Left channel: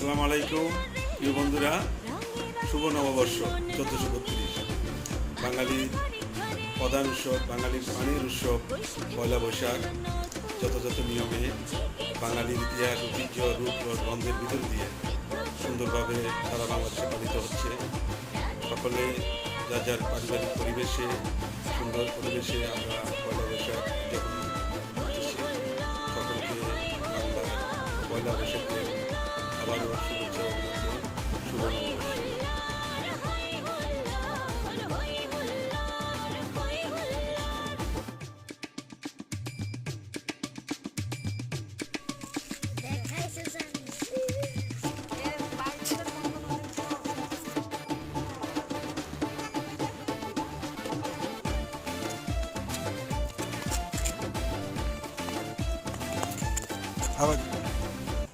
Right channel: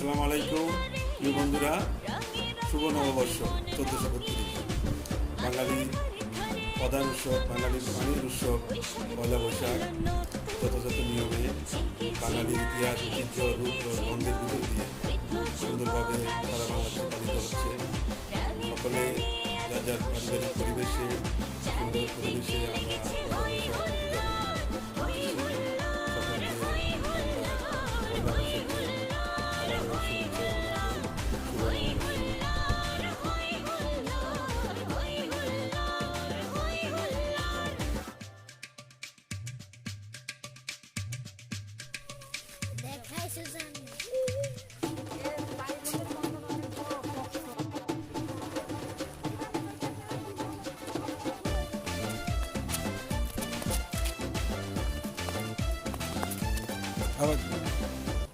আসসালামু আলাইকুম, প্রিয় বন্ধুরা। শুভ নববর্ষ, চোদ্দোশো বত্রিশ। বাঙালি প্রধান উৎসব বাঙালির পানির উৎসব, পয়লা বৈশাখ, যথাযথ নিয়মে বাঙালির ইতিহাস, ঐতিহ্য, রূপ ও গন্ধের ভিতর দিয়ে সুন্দরভাবে সারা বাংলাদেশে পালিত হচ্ছে। সকলে যার যার পারিবারিক পরিবেশে, সুন্দর পরিবেশে আমরা পয়লা বৈশাখ যখন সকলকে বাংলার পয়লা বৈশাখের আবারও শুভেচ্ছা অভিনন্দন শুভ নববর্ষ দেখাইছে জানি আবার